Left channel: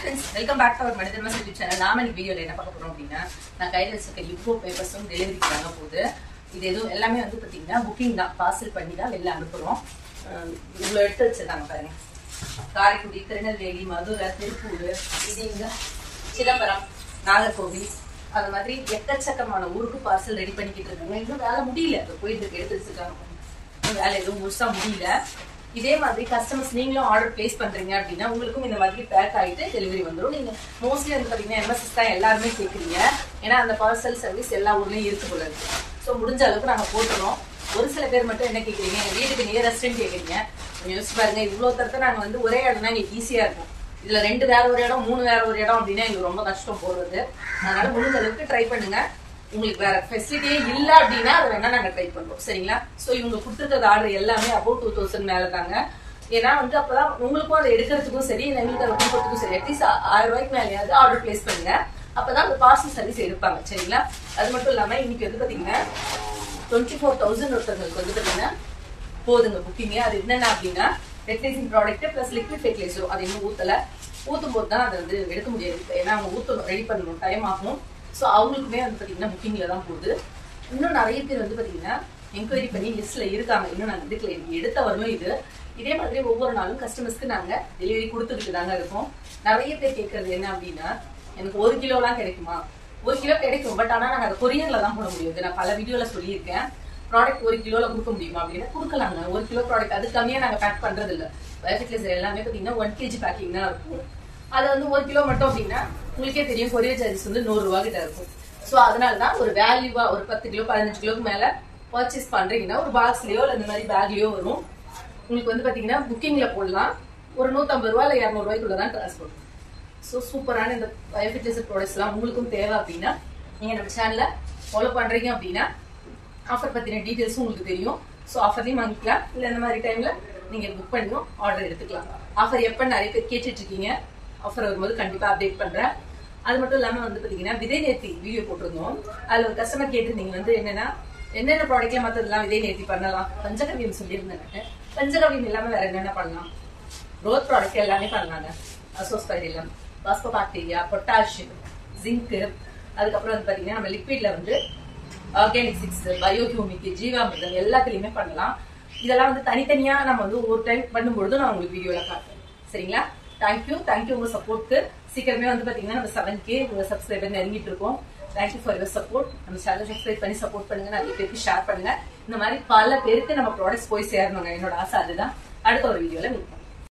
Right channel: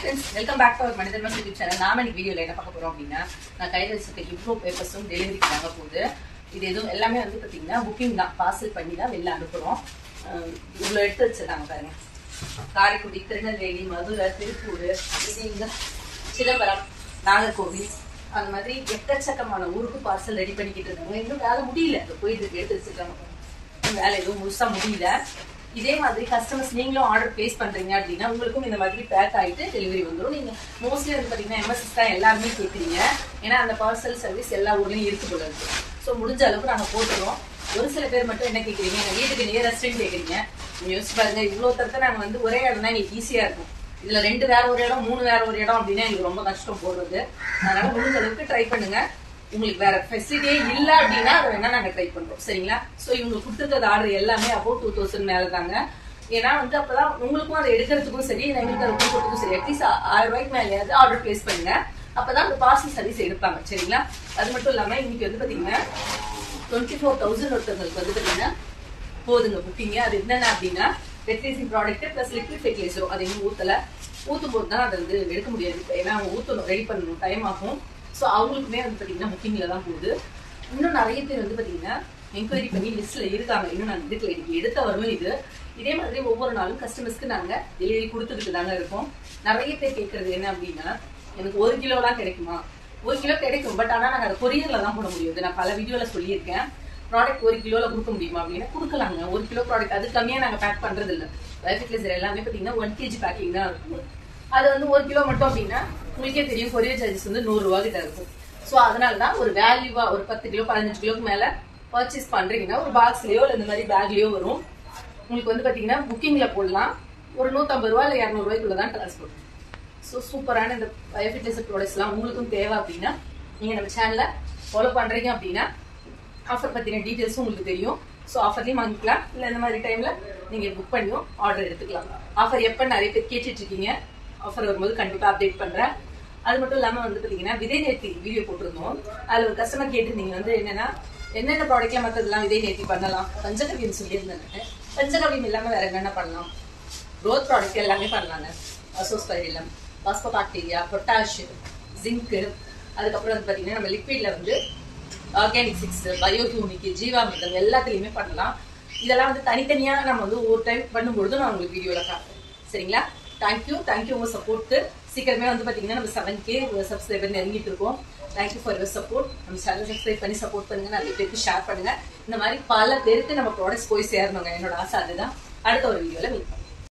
friends, welcome back to our Manidharma YouTube channel. நாம இன்னைக்கு வீடியோல என்ன பார்க்க போறோம் அப்படினா நான் கையில வச்சிருக்க இவ்ளோ பேப்பர்ஸும் டெலிவரிக்கு வாங்க போகுது. இது எதுவும் எல்லாமே வந்து பாத்தீங்கன்னா புக்கிங் தான், பார்சல் பண்ணி தான் வெளில அனுப்புறோம். இவ்ளோ எடுத்து வச்சிருக்காங்க பாருங்க. காரைக்குடி, திருநெல்வேலி, மதுரை, திருப்பூர், இது இங்க சிதம்பரம், நாகர்கோவில், அது மாதிரி எக்கச்சக்கமான ஊருக்கு பார்சல் ரெடி பண்ணிக்கிட்டு இருக்காங்க. இன்னும் வேலை முடியல, போயிட்டு எடுத்து வச்சிருக்காங்க. வேலை எதுவும் முழுசா முடியல. இதே மாதிரி கஸ்டமர்ஸ் நீங்களும் ஆர்டர் பிளேஸ் பண்றீங்க அப்படின்னா உங்களுக்கும் இந்த மாதிரி பேக் ஆயிட்டு டெலிவரி வந்துடும். நீங்க மோஸ்ட்லி வந்து பாத்தீங்கன்னா எம்எஸ்எஸ் தான் எல்லாருமே கேட்குறீங்க. ஏன்னா அந்த பார்சல் சர்வீஸ் எல்லா ஊர்லயும் இருக்கு போல இருக்கு. ஸோ முடிஞ்ச அளவுக்கு நாங்க போட்டுறோம். ஒரு சில பேர் மட்டும் என்ன கேட்குறீங்க, எங்க வீட்டுக்கு நியரஸ்ட்னு கேட்குறீங்க. யோசிச்சு பாருங்க, இவ்வளவு தரத்தை நாங்க வந்து ஒரே இடம் தான் எங்களுக்கு ஈஸியா இருக்கும். இதுல 2 வேற ஒரு இடம், 3 வேற ஒரு இடம் அப்படின்னா எங்களுக்கு ரொம்ப கஷ்டம் போடுறது. அதனால முடிஞ்ச அளவுக்கு ட்ரை பண்ணுங்க. உங்களுக்கு வேற ஃபெசிலிட்டியே இல்ல அப்படின்னா அதை வேணா நாங்க ட்ரை பண்றோம், சரிங்களா? சோ இவங்க கொடுத்துருக்க ஆர்டர் எல்லாமே அபவுட் 2000 மேல தாங்க. ஏன்னா வந்து அப்பதான் உங்களுக்கும் அதை எடுக்கிறதுக்கும் சரி, எங்களுக்கு அதை கொடுக்கறதுக்கும் சரி, அட்லீஸ்ட் 1000 ரூபாய்க்கு மேலேயாவது ஆர்டர் பிளேஸ் பண்ணுங்க. அப்பதான் அந்த பார்சல் சர்வீஸ் எடுப்பாங்க, சரிங்களா? அது மட்டும் இல்லாம இன்னைக்கு வந்து பாத்தீங்கன்னா 24,000 ஒருத்தவங்களுக்கு வந்து பாத்தீங்கன்னா போதுங்க புக்கிங். அது என்னென்ன அப்படின்னா fertilising product plus liquid fertiliser. அது இன்னும் ஊத்தும் போது தான் அதை வந்து எடுக்க முடியாது. ஏன்னா அவங்க ஊத்தணும், ரெடி பண்ணணும், டைம் ஆகும். ஸோ அவங்களுக்குமே வந்து பாத்தீங்கன்னா புக்கிங்ல தான் போகுது. இன்னும் நிறைய பேர் வந்து பாத்தீங்கன்னா என்கொயரி பண்ணி லிஸ்ட்ல இருக்காங்க. இன்னும் நாங்க இதுக்குள்ள எடுத்த வரலும் இது. இதே மாதிரி ஒவ்வொரு நாளும் கஸ்டமர்ஸ்க்கு நாங்க டெலிவரி கொடுத்துட்டு தாங்க இருக்கோம். நிறைய பேர் கேட்கறது என்ன அப்படின்னா, எனக்கு 1 கிலோலாம் கிடைக்குமா? 1 கிலோ கிடைக்கும், பட் ஆனா நாங்க அதை கொரியர்ல தான் போட முடியும். நான் பல வீடியோல சொல்லியிருக்கேன். ப்ராடக்ட் 1 கிலோல கொடுக்க முடியுமா அப்படின்னா கொடுக்கலாங்க. 1 கிலோ ப்ராடக்ட் அது கம்மியா நாங்க பேக் பண்றது இல்ல. பயோஃபெர்டிலைசர் எல்லாமே பாத்தீங்கன்னா 1 kg பேக்கிங் தான் இருக்கும். அது வந்து 1 கிலோ மட்டும் அப்படின்னா உங்களுக்கே தெரியும், கொரியர் சார்ஜஸ் வந்து 100 ரூபா கிட்ட இருக்கும். சோ அதனாலதான் ஒரு வேல்யூவா ஒரு 10 கிலோ 15 கிலோக்கு மேல பர்ச்சேஸ் பண்றீங்கன்னா ஒரு பாக்ஸ்லயோ இல்ல இந்த மாதிரி பேக்லயோ வரும். உங்களுக்கு வந்து பாத்தீங்கன்னா புக்கிங்ல போடலாம். ஒரு 150 ரூபா இல்ல 200 ரூபாய்க்குள்ளதான் டிரான்ஸ்போர்ட். சோ சூப்பரான இந்த பயோஃபெர்டிலைசர் ப்ராடக்ட்ஸ் எல்லாம் உங்களுக்கும் தேவை அப்படின்னா நீங்க நம்ம சேனலை ஃபாலோ பண்றீங்க அப்படின்னா ஆஃபர் பத்தின டீடைல்ஸும் உங்களுக்கு தெரியும். சோ ஆஃபர்லயும் வாங்கிக்கலாம், இல்ல இந்த மாதிரி டைம்ல நீங்க புக் பண்ணியும் ஆர்டர் எடுத்துக்கலாம். ஆஃபர் எப்ப நிறைய பேர் கேட்டுட்டு இருக்கீங்க. ஆஃபர் வரும்போது கண்டிப்பா அப்டேட் பண்றேன். அது மட்டும் இல்லாம வந்து பாத்தீங்கன்னா விதை நேர்த்தி வீடியோ போட்டிருந்தோம். அதுல ஒரு கஸ்டமர் கேட்டிருந்தீங்க வந்து என்னென்ன ப்ராடக்ட்ல மத்ததெல்லாம் விதை நேர்த்தி பண்ணலாம், பஞ்சகவியம் சொல்லியிருந்தேன். பஞ்சகவியம் இல்லாம வேற என்னென்ன பண்ணலாம்? க்ரோத் ப்ராடக்ட் எல்லாமே பண்ணலாங்க. அசோஸ்பைரிலம், பாஸ்போபாக்டீரியா, பொட்டாசியம், ஜிங்க், அதுக்கப்புறம் வந்து பாத்தீங்கன்னா நம்ம லிக்விட்ல வந்து ஆர்கானிக் 6, பயோஹியூமிக், ஜீவாமிர்தம் எல்லாத்துலயுமே பண்ணலாம். இதெல்லாம் வந்து தனித்தனியா நம்ம வந்து ஒரு டைம் பண்ணும்பொழுது நான் உங்களுக்கு வீடியோல காட்டுறேன், சரிங்களா? தேங்க்யூ உங்க சப்போர்ட்க்கு. சீக்கிரமே வந்து பாத்தீங்கன்னா நம்ம 7K சப்ஸ்கிரைபர் நெருங்கிட்டு இருக்கோம். Thank you for your support. நம்ம சேனல் சப்ஸ்கிரைப் பண்ணி சப்போர்ட் பண்ணுங்க, நிறைய பேருக்கு ஷேர் பண்ணுங்க. இந்த மாதிரி பல பேருக்கு நம்ம ப்ராடக்ட்ஸ் போய் சேரணுங்க. என்னோட ஆசை அதுதான். அடுத்த ஒரு வீடியோல மீட் பண்ணுங்க.